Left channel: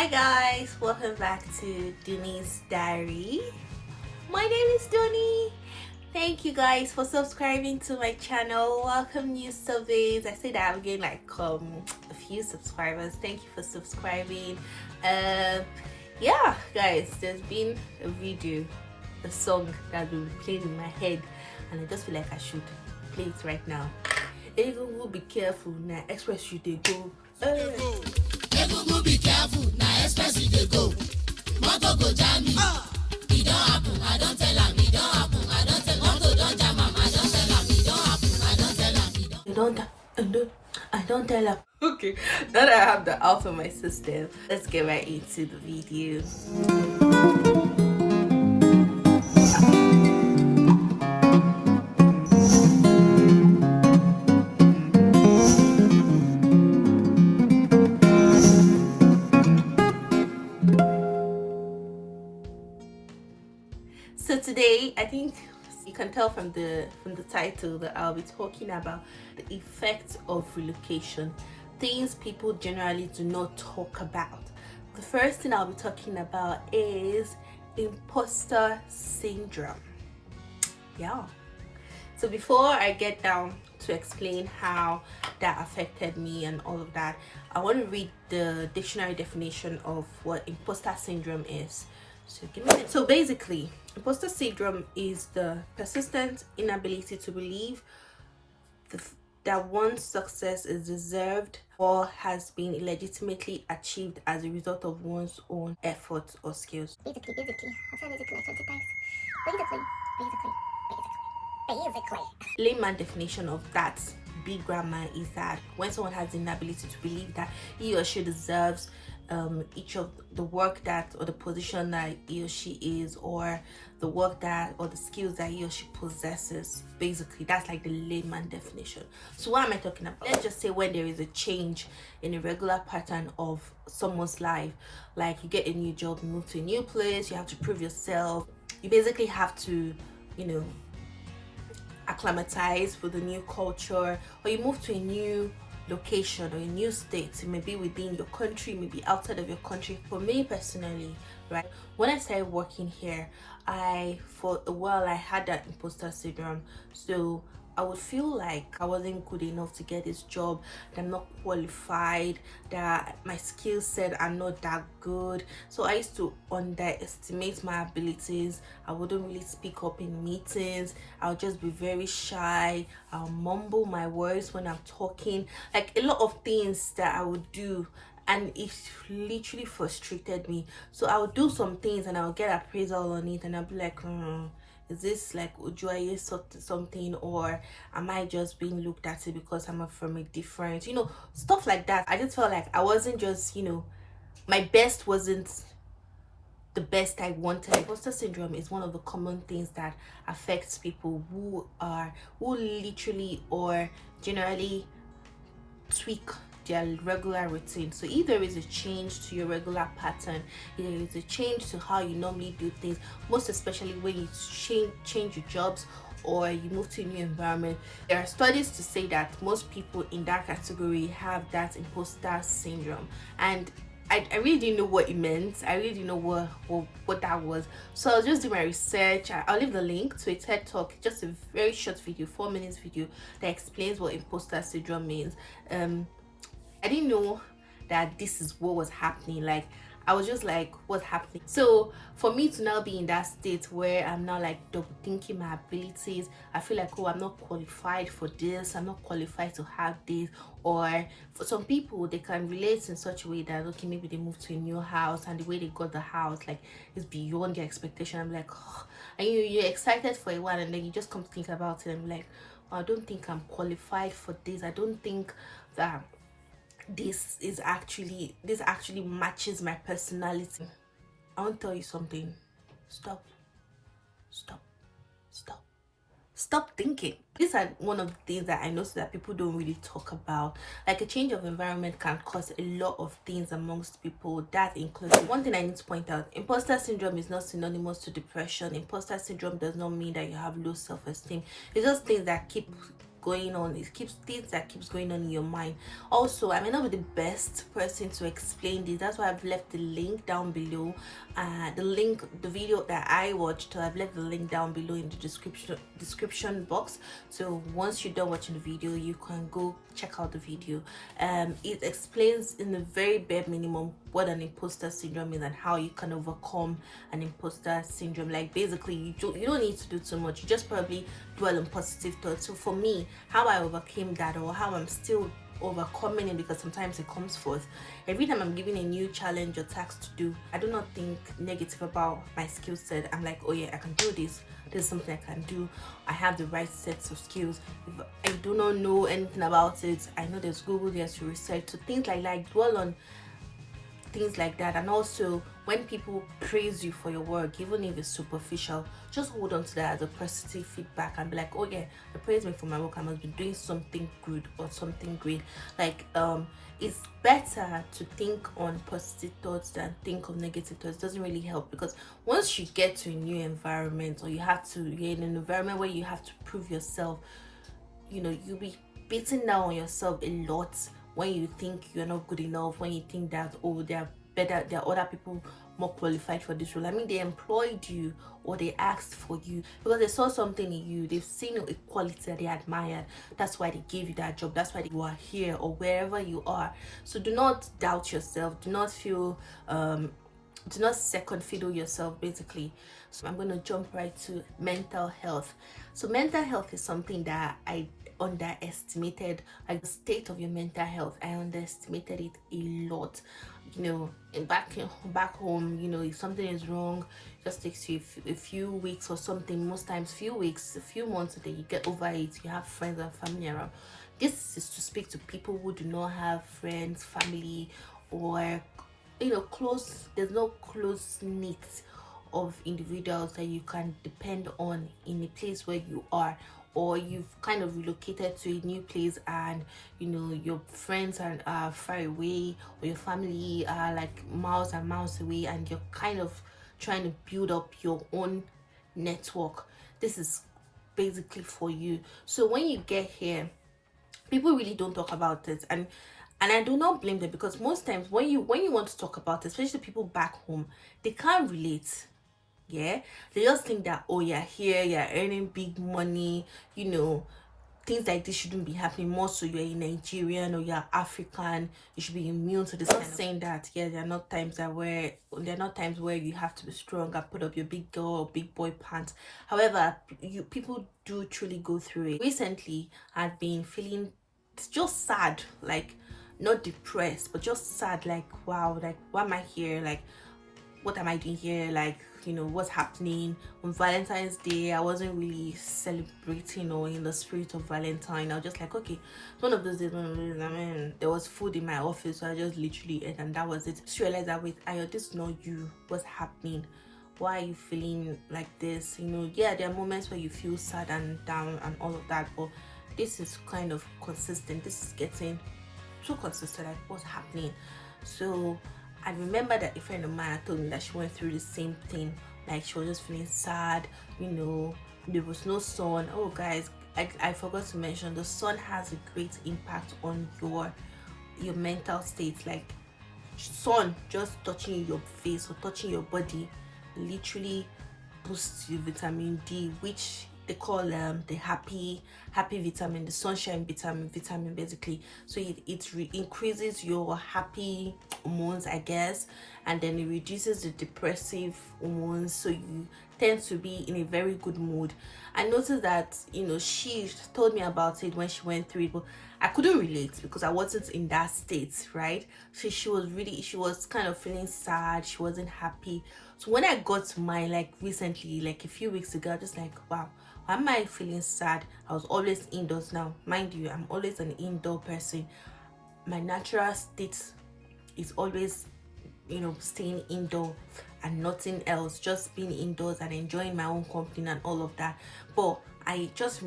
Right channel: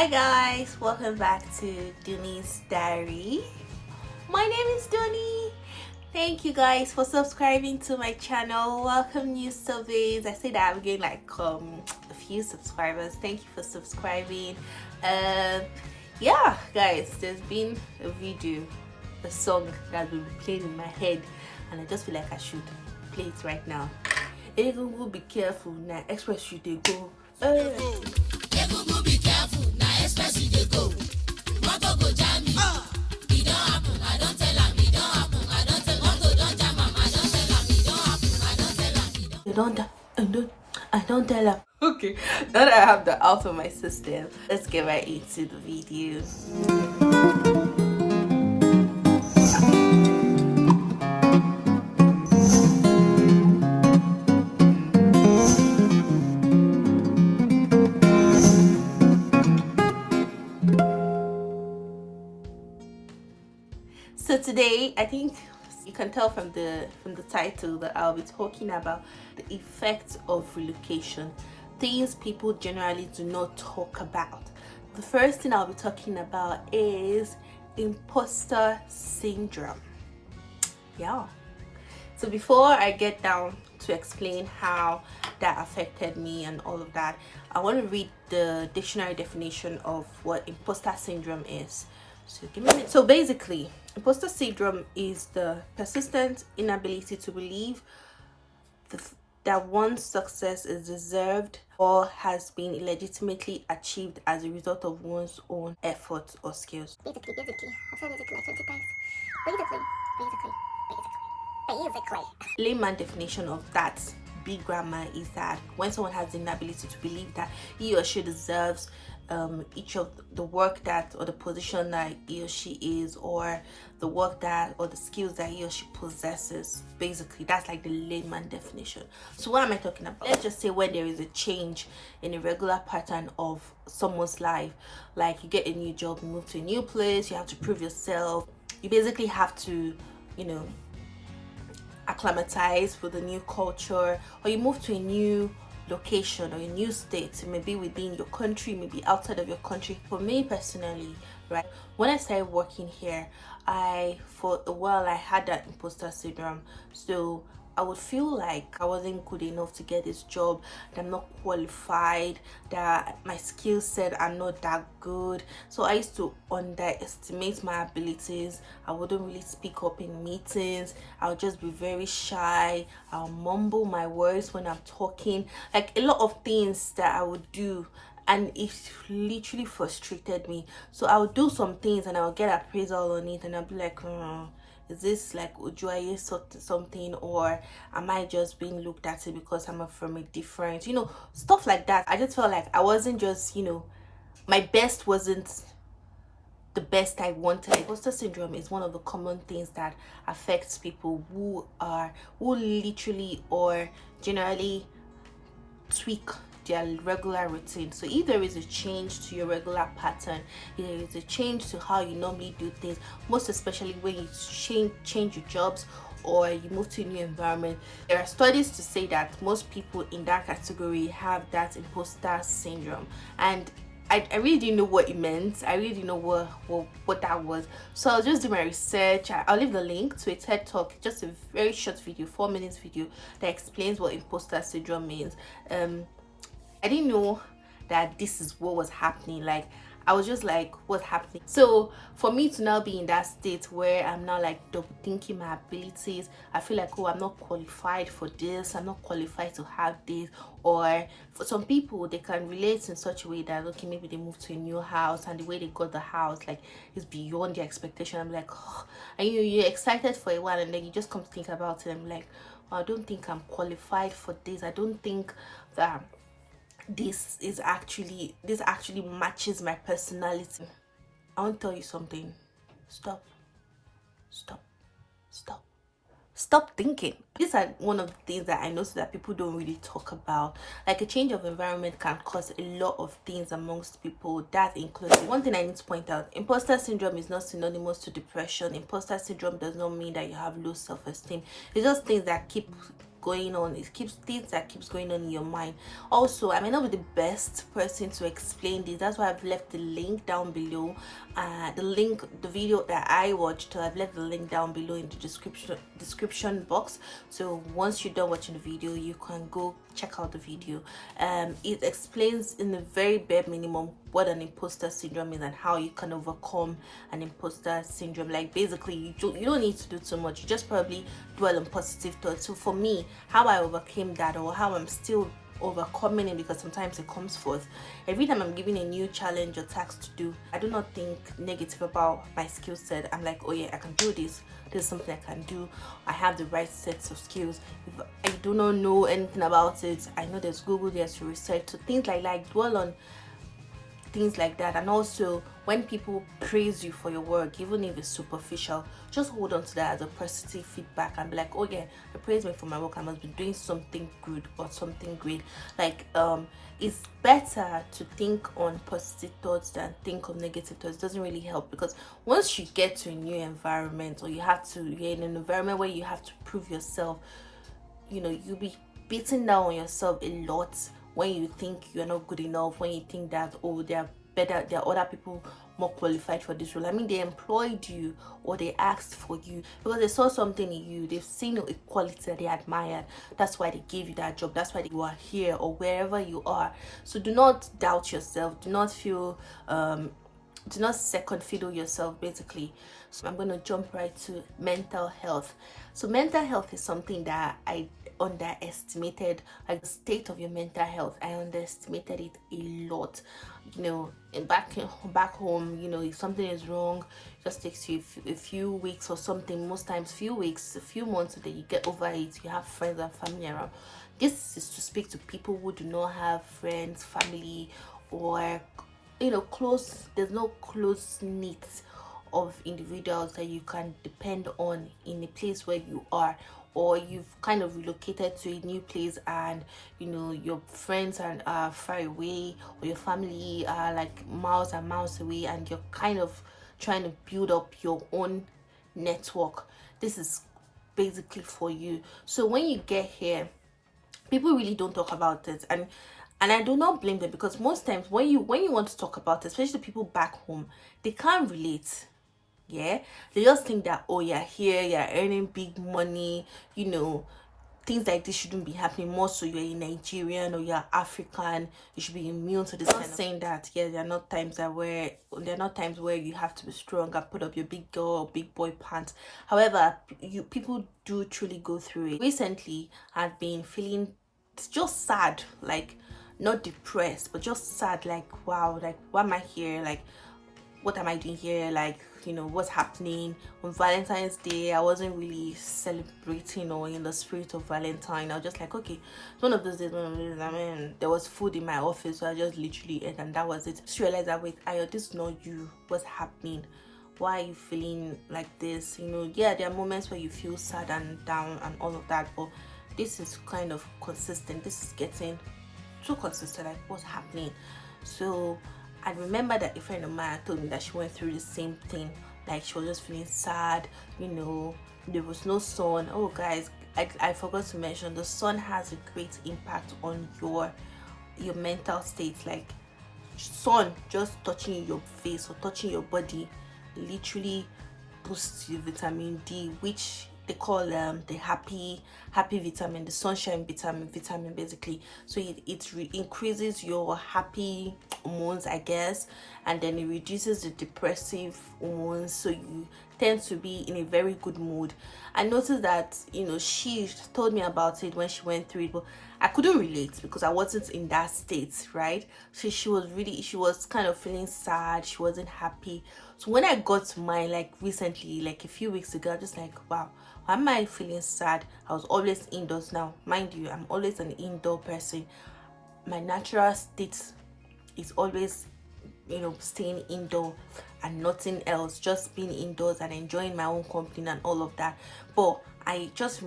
Hi guys, welcome back to Dunnee'S diary. My name is Dunnee'S. Thank you guys for subscribing to my channel. Welcome new surveys. I say that I'm getting like a few subscribers. Thank you for subscribing. Yeah guys, there's been a video, a song that will be playing in my head, and I just feel like I should play it right now. Everyone be careful now, express you they go. Everyone be careful now, express you they go. Moto go jam me. It don't happen, I don't tell am. It don't happen, I don't tell am. Moto don't jam am, I don't tell am. It don't happen, I don't tell am. I don't tell her. Okay, now that I have the out of my system, let's get right into the video. So today, I think you can tell from the title that I'll be talking about the effects of relocation, things people generally do not talk about. The first thing I'll be talking about is imposter syndrome. Yeah. So before I get down to explain how that affected me and all of that, I want to read the dictionary definition of what imposter syndrome is. So give me a minute. So basically, imposter syndrome is the persistent inability to believe that one's success is deserved or has been legitimately achieved as a result of one's own efforts or skills. Basically, I've said basically like 20 times. Basically. Layman definition of that big grammar is that when someone has the inability to believe that he or she deserves each of the work that, or the position that he or she is, or the work that, or the skills that he or she possesses. Basically, that's like the layman definition. So what am I talking about? Let's just say when there is a change in a regular pattern of someone's life, like you get a new job, you move to a new place, you have to prove yourself, you basically have to, acclimatize with the new culture, or you move to a new location or a new state. It may be within your country, maybe outside of your country. For me personally, right, when I started working here, for a while I had that imposter syndrome. So I would feel like I wasn't good enough to get this job, that I'm not qualified, that my skill set are not that good. So I used to underestimate my abilities. I wouldn't really speak up in meetings. I would just be very shy. I'll mumble my words when I'm talking. Like a lot of things that I would do, and it literally frustrated me. So I would do some things and I would get appraisal on it, and I'd be like, is this like Ujuaye something, or am I just being looked at it because I'm from a different, stuff like that. I just felt like I wasn't just, my best wasn't the best I wanted. Imposter syndrome is one of the common things that affects people who literally or generally tweak their regular routine. So if there is a change to your regular pattern, if there is a change to how you normally do things, most especially when you change your jobs or you move to a new environment, there are studies to say that most people in that category have that imposter syndrome. And I really didn't know what it meant. I really didn't know what that was. So I'll just do my research. I'll leave the link to a TED Talk, just a very short video, 4 minutes video that explains what imposter syndrome means. I didn't know that this is what was happening. Like, I was just like, what's happening? So for me to now be in that state where I'm now like double thinking my abilities, I feel like, oh, I'm not qualified for this, I'm not qualified to have this. Or for some people, they can relate in such a way that, okay, maybe they moved to a new house and the way they got the house like is beyond their expectation. I'm like, oh, and you're excited for a while, and then you just come to think about it. I'm like, oh, I don't think I'm qualified for this. I don't think that this actually matches my personality. I want to tell you something. Stop thinking. These are one of the things that I notice that people don't really talk about. Like, a change of environment can cause a lot of things amongst people. That includes, one thing I need to point out, imposter syndrome is not synonymous to depression. Imposter syndrome does not mean that you have low self-esteem. It's just things that keep going on. It keeps things that keeps going on in your mind. Also, I may not be the best person to explain this. That's why I've left the link down below. The video that I watched, I've left the link down below in the description box. So once you're done watching the video, you can go check out the video. It explains in the very bare minimum what an imposter syndrome is and how you can overcome an imposter syndrome. Like basically, you don't need to do too much. You just probably dwell on positive thoughts. So for me, how I overcame that, or how I'm still overcoming it, because sometimes it comes forth every time I'm given a new challenge or task to do, I do not think negative about my skill set. I'm like, oh yeah, I can do this. There's something I can do. I have the right sets of skills. If I do not know anything about it, I know there's Google there to research. So things like that, dwell on things like that. And also, when people praise you for your work, even if it's superficial, just hold on to that as a positive feedback and be like, oh yeah, they praise me for my work, I must be doing something good or something great. Like it's better to think on positive thoughts than think on negative thoughts. It doesn't really help, because once you get to a new environment, or you're in an environment where you have to prove yourself, you'll be beating down on yourself a lot when you think you're not good enough, when you think that, oh, there are other people more qualified for this role. I mean, they employed you, or they asked for you because they saw something in you. They've seen a quality that they admired. That's why they gave you that job. That's why you are here, or wherever you are. So do not doubt yourself. Do not feel do not second fiddle yourself, basically. So I'm going to jump right to mental health. So mental health is something that I underestimated. Like the state of your mental health, I underestimated it a lot. Back home, if something is wrong, it just takes you a few weeks or something. Most times few weeks, a few months, so that you get over it. You have friends and family around. This is to speak to people who do not have friends, family, or there's no close knit of individuals that you can depend on in the place where you are, or you've kind of relocated to a new place and your friends are far away, or your family are like miles and miles away, and you're kind of trying to build up your own network. This is basically for you. So when you get here, people really don't talk about it, and I do not blame them, because most times when you want to talk about it, especially people back home, they can't relate. Yeah, they just think that, oh, you're here, you're earning big money, things like this shouldn't be happening. More so, you're a Nigerian or you're African, you should be immune to this. I'm not saying that, yeah, there are not times where you have to be strong and put up your big girl or big boy pants. However, people do truly go through it. Recently, I've been feeling just sad, like not depressed, but just sad, like, wow, like, why am I here? Like, what am I doing here? Like, what's happening? On Valentine's Day, I wasn't really celebrating or in the spirit of Valentine. I was just like, okay, one of those days, I mean, there was food in my office, so I just literally ate, and that was it. Just realized that, wait, Ayo, this is not you. What's happening? Why are you feeling like this? Yeah, there are moments where you feel sad and down and all of that, but this is kind of consistent. This is getting too consistent. Like, what's happening? So I remember that a friend of mine told me that she went through the same thing. Like, she was just feeling sad, there was no sun. Oh guys, I forgot to mention, the sun has a great impact on your mental state. Like, sun just touching your face or touching your body literally boosts your vitamin D, which they call the happy vitamin, the sunshine vitamin basically. So it increases your happy hormones, I guess, and then it reduces the depressive hormones, so you tend to be in a very good mood. I noticed that she told me about it when she went through it, but I couldn't relate because I wasn't in that state, right? So she was kind of feeling sad, she wasn't happy. So when I got to mine, like recently, like a few weeks ago, I was just like, wow, why am I feeling sad? I was always indoors. Now, mind you, I'm always an indoor person. My natural state is always, staying indoor and nothing else, just being indoors and enjoying my own company and all of that. But I just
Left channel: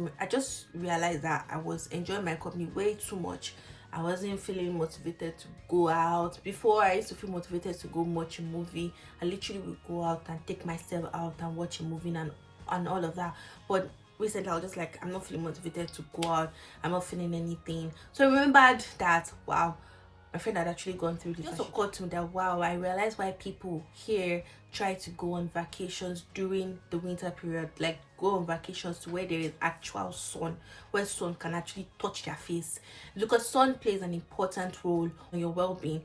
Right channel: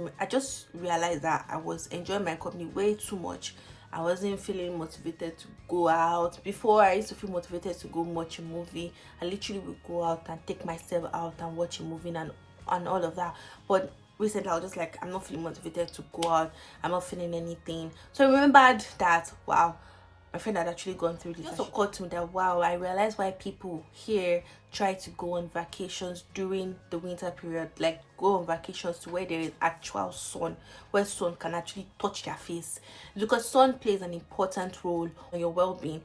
realized that I was enjoying my company way too much. I wasn't feeling motivated to go out. Before, I used to feel motivated to go watch a movie. I literally would go out and take myself out and watch a movie and all of that. But recently I was just like, I'm not feeling motivated to go out, I'm not feeling anything. So I remembered that, wow, my friend had actually gone through this. It just occurred to me that, wow, I realized why people here try to go on vacations during the winter period, like go on vacations to where there is actual sun, where sun can actually touch their face, because sun plays an important role on your well-being.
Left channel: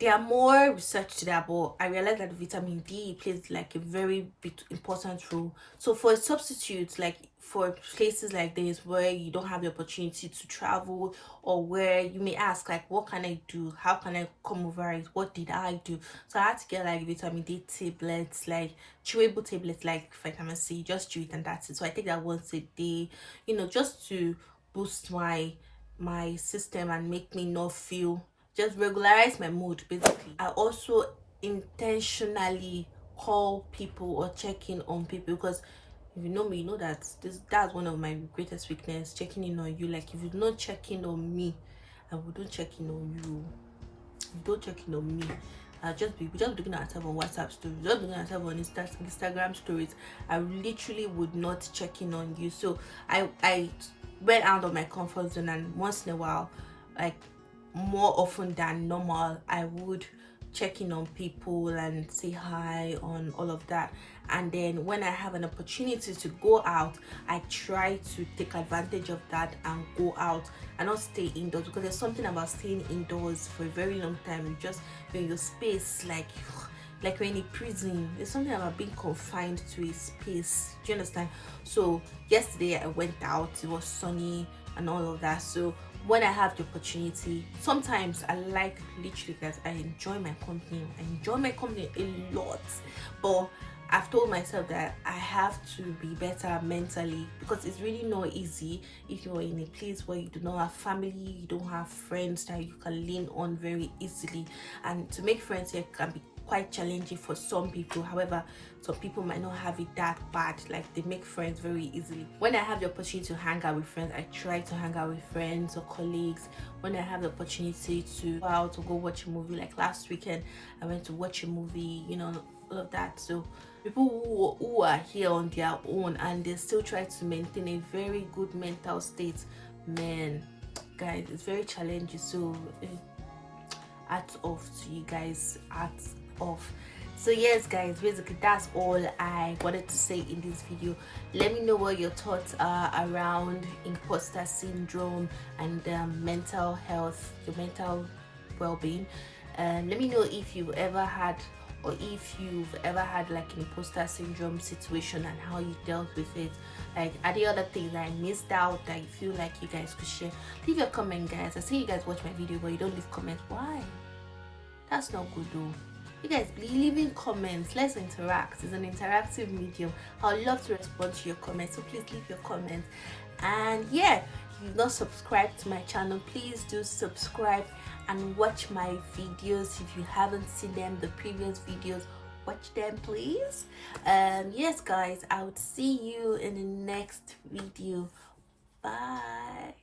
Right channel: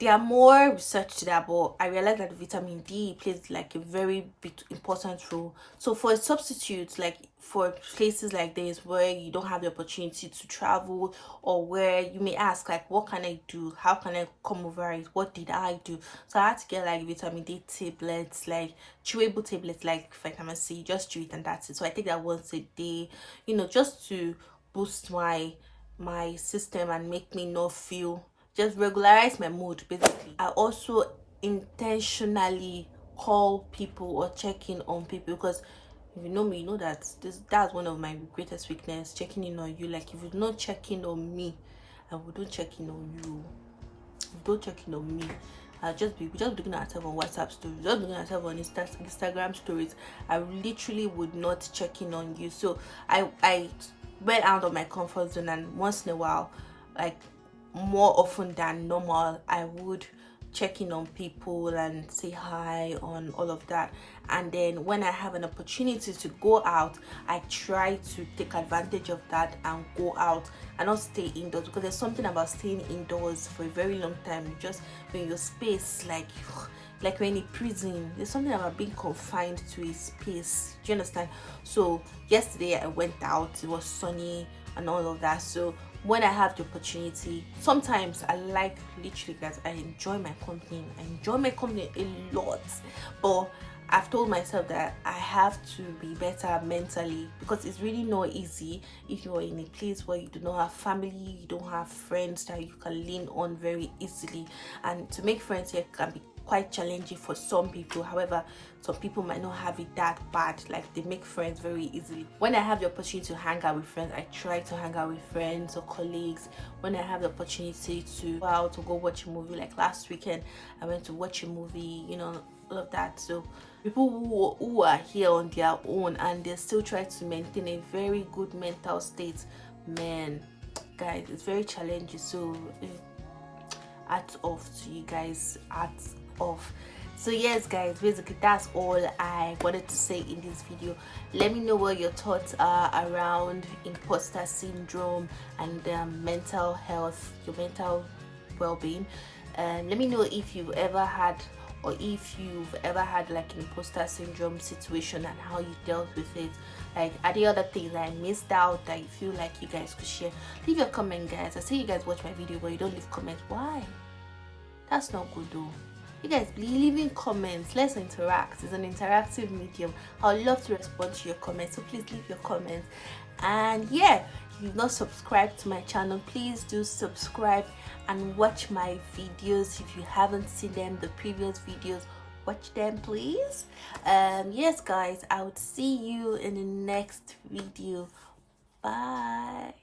There are more research to that, but I realized that vitamin D plays like a very important role. So for a substitute, like for places like this where you don't have the opportunity to travel, or where you may ask like, what can I do, how can I come over it, what did I do? So I had to get like vitamin D tablets, like chewable tablets, like vitamin C. Just chew it and that's it. So I take that once a day, you know, just to boost my system and make me not feel, just regularize my mood basically. I also intentionally call people or check in on people, because if you know me, you know that that's one of my greatest weakness, checking in on you. Like if you don't check in on me, I wouldn't check in on you. If you don't check in on me, I'll just be looking at myself on WhatsApp stories, just looking at myself on Instagram stories. I literally would not check in on you. So I went out of my comfort zone, and once in a while, like more often than normal, I would check in on people and say hi on all of that. And then when I have an opportunity to go out, I try to take advantage of that and go out and not stay indoors, because there's something about staying indoors for a very long time, just in your space, like we're in a prison. There's something about being confined to a space. Do you understand? So yesterday I went out, it was sunny and all of that. So when I have the opportunity, sometimes I like literally that I enjoy my company. I enjoy my company a lot, but I've told myself that I have to be better mentally, because it's really not easy if you're in a place where you do not have family, you don't have friends that you can lean on very easily. And to make friends here can be quite challenging for some people. However, some people might not have it that bad, like they make friends very easily. When I have the opportunity to hang out with friends, I try to hang out with friends or colleagues. When I have the opportunity to go out to go watch a movie, like last weekend I went to watch a movie, you know, all of that. So people who are here on their own and they still try to maintain a very good mental state, man, guys, it's very challenging. So hats off to you guys, hats off. So yes guys, basically that's all I wanted to say in this video. Let me know what your thoughts are around imposter syndrome and mental health, your mental well-being. And let me know if you've ever had, or if you've ever had like an imposter syndrome situation and how you dealt with it. Like, are there other things that I missed out that you feel like you guys could share? Leave your comment, guys. I see you guys watch my video but you don't leave comments. Why? That's not good though. You guys be leaving comments. Let's interact. It's an interactive medium. I'd love to respond to your comments, so please leave your comments. And yeah, if you've not subscribed to my channel, please do subscribe and watch my videos. If you haven't seen them, the previous videos, watch them please. Yes guys, I would see you in the next video. Bye.